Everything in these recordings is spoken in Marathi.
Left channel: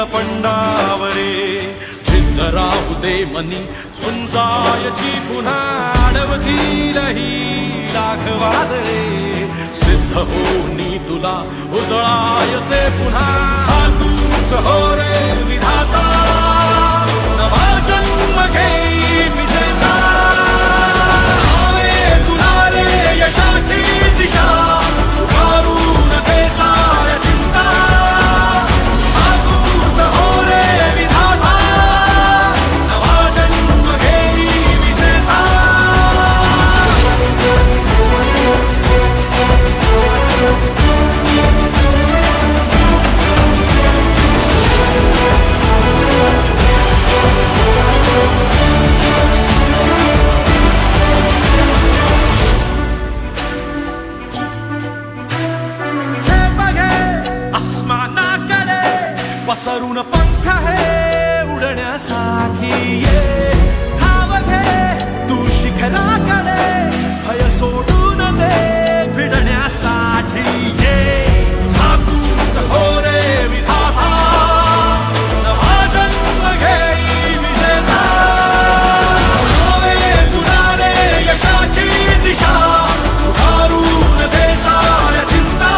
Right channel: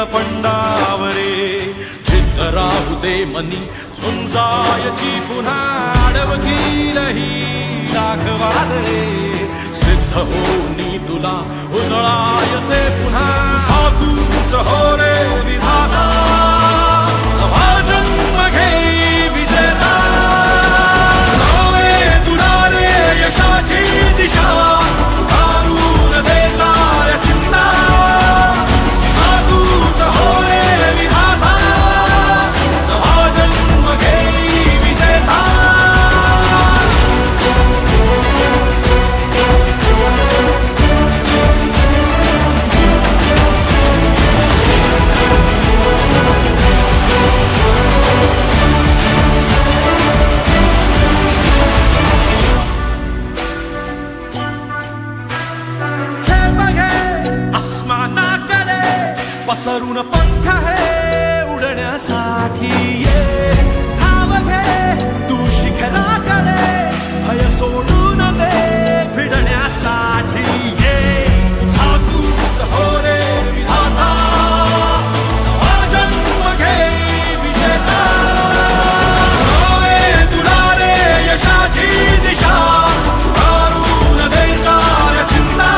नीलपंडावरे जिद्द राहू दे मनी झुंजायची पुन्हा अडवतील ही लाख वादळे सिद्ध होनी तुला उजळायचे पुन्हा तूच हो रे विधाता नवा जन्म घे विजेता होवे तुला रे यशाची दिशा सुधारून दे साऱ्या चिंता तूच हो रे विधाता नवा जन्म घे विजेता पसरून पंख है उडण्यासाठी ये धाव घे तू शिखराकडे भय सोडून दे भिडण्यासाठी ये तूच हो रे विधाता नवा जन्म घे विजेता होवे तुला रे यशाची दिशा सुधारून दे साऱ्या चिंता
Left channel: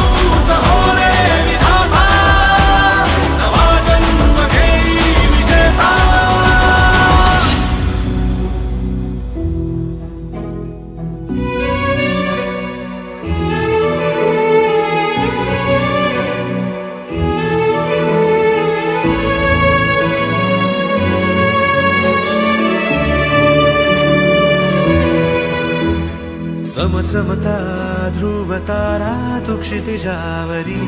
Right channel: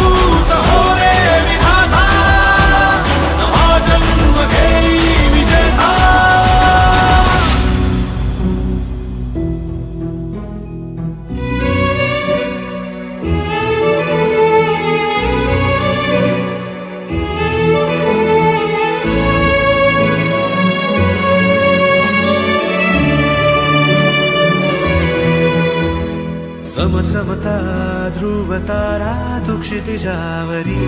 तूच हो रे चमचमता ध्रुव तारा तू क्षितिजावरी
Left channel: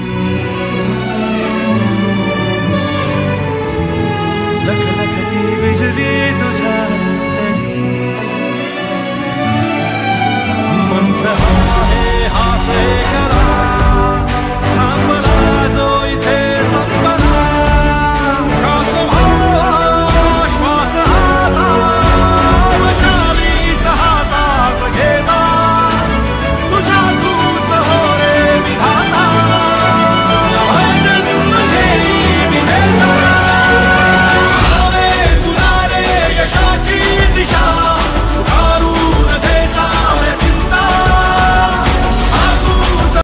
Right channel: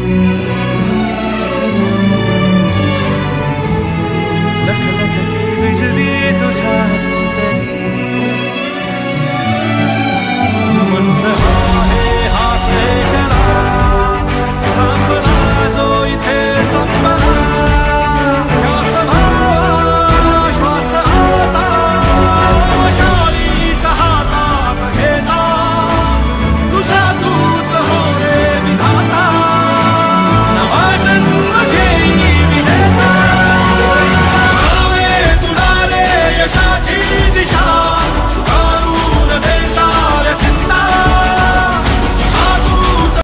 लख लखती बिजली तुझ्या तरी मंत्र आहे हा से करा थांबला जो इथे